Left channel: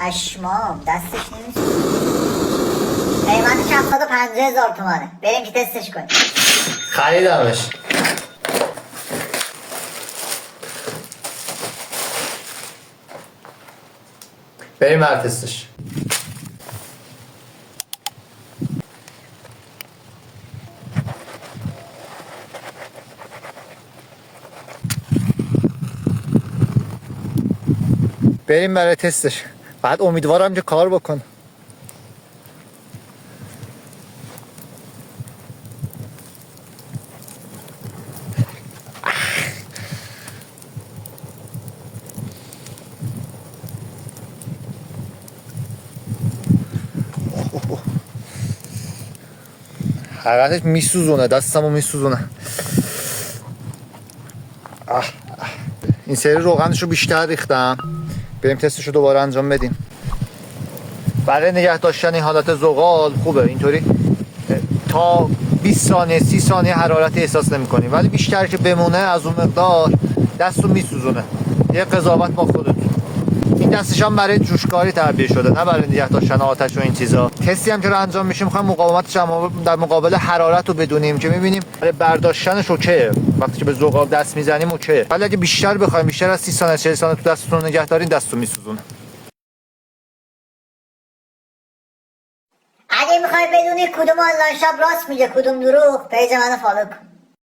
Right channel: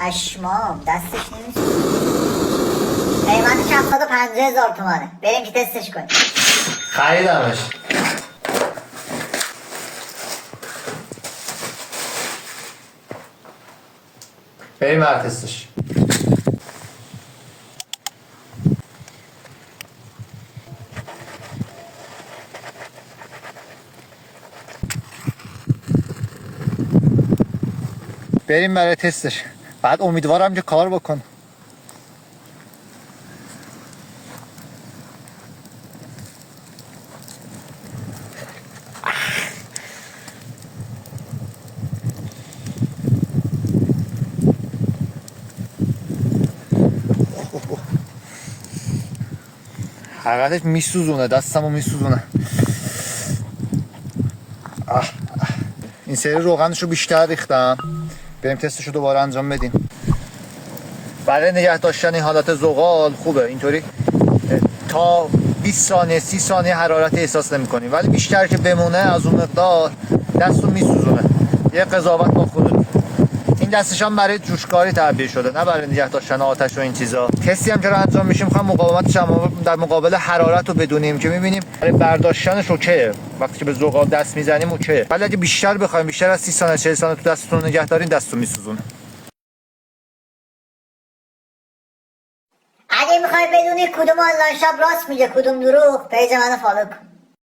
پشمام دستش نمیشه. قیمتش 750,000 تومانه. بریم که تستش کنیم. خریدمش. بریم بر تستش. بریم برای تستش. بعد امیدوارم که کار بکن. حقیقتش میسوزونه، دستمو میسوزونه. این سری روغنشو بیشتر ریختم. بریم تستشو دوباره انجام بدیم. برای نگه داشتن این حالت زغال خوبه اینطوری تا 20 ثانیه 30 ثانیه حرارت احساس نمی‌کنی، ولی بیشتر که بمونه از اون مقدار دستو میسوزونه. یه قضاوت با خودت. این دستش هم برای جوشکاری تعبیه شده، نه برای نگه داشتن آتش و این چیزا. تستی هم که انجام میشه میخوام مقاومت در مقابل حرارت رو بدونیم که میبینیم برای برداشتنش اوکیه. وقتی که به زغال دست میزنیم اوکیه، ولی اگه بیشتر بخوایم بیشتر از 30 ثانیه 40 ثانیه تو دستتون نگه دارین دستو میسوزونه. اگه میخوای بدونی کدوم آنلاین شاپ راست میگه کدوم دروغ، پیج منو فالو کن.